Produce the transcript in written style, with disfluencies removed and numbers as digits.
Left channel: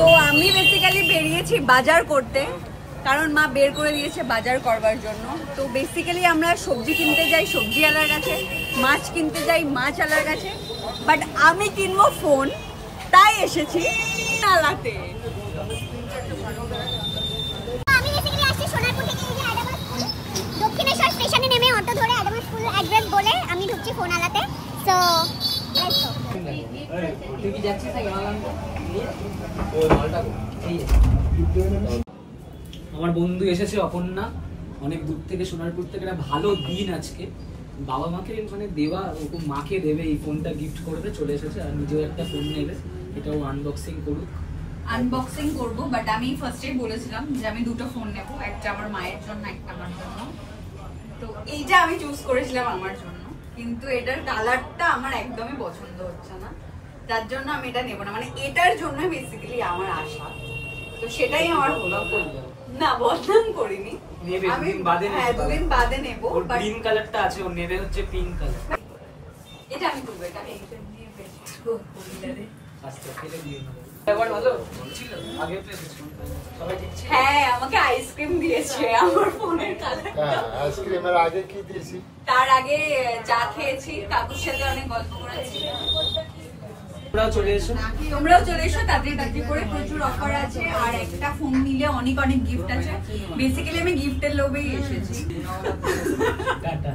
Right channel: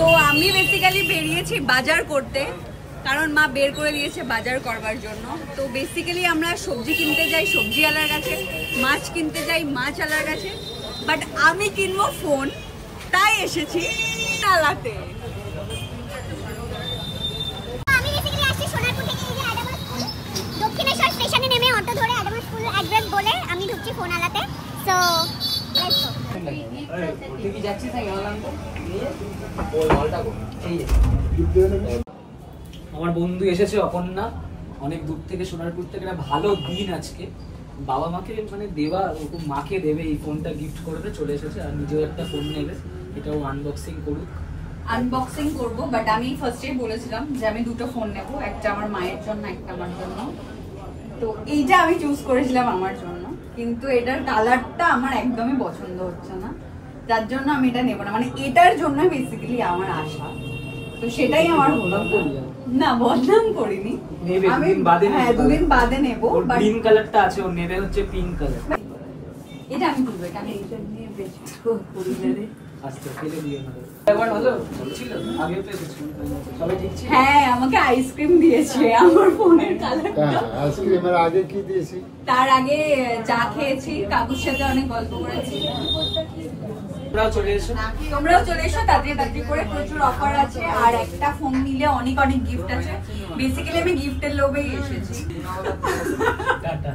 তো আমি বেসিক্যালি বেরিয়েছি বাজার করতে, কারণ মা বের করে দিয়েছে বাজার করবার জন্য। তো বেসিক্যালি আমরা সবজি কিনতে যাই সবজিওয়ালার কাছে, মাছ কিনতে যাই মাছওয়ালার কাছে, বাট আমি কিনবো ফোন, তাই এসেছি নালাতে। আমি বেসিক্যালি আসছি সোনারপুর থেকে, এই যে অ্যাডামাস স্কুল, দক্ষিণেশ্বর স্টেশনে নেমে অটো ধরে অ্যাডামাস স্কুল অ্যাড্রেস বলে আমি ঢুকছি ফোনালাতে। So let's go. তুই কি যাচ্ছিস না গেলাম? আমার বন্ধু এসেছে অপর্ণা, অনেক দূর থেকে সোনারপুর থেকে। একটা ভালো দিন আজকে, বাবা মাকে মানে দেওয়া, ওরকম মাকে দেবে, এই ফোনটা গিফট করবে, চলে এসেছে। আর নিজেও একটা ফোন নেবে, এটাও আনবক্সিং করুক। আনবক্সিং করবো, বাট আমি ফার্স্টেই বলেছিলাম যে আমি দুটো ফোন নেবো, একটা আমার মায়ের জন্য একটা আমার জন্য। তো এইটা আমি চুজ করেছিলাম আমার জন্য, কিন্তু এটার কালারটা আমার একদমই পছন্দ হচ্ছে না, যার জন্য আমি এটা নেবো না। মানে এটার জন্য বেসিক্যালি আমার আশা, তো সেটাই আমার হলো না। বদনাম করিনি, আমি দুদিন বাদে নেবো। গ্রিন কালারটা আছে, ও নেবে হচ্ছে পিঙ্ক কালার। এটা আমি নেবো, এটা আমি এটা নিয়ে বেচবো পরিবারে। আস্তে ফেলে দিও না। একবার ভালো ছিল, আগে তো এসেছিল, সবাই ঠিক ছিল। হ্যাঁ, আমাকে আইসক্রিম দিয়েছে আমার ফোনের কালারটা। আইসক্রিমের আগে কি দিয়েছে? তার আগে চা খেয়েছি, কাকুর সাথে অনেক গল্প করেছি। তোমরাও চলে এসো, তোমরাও চলে এসো তাড়াতাড়ি করে, প্রচুর অফার আছে। আর একটা ফোন নিলে অনেক অনেক গিফট আছে। বেসিক্যালি আমি গিফটের লোভেই এসেছি। টাটা।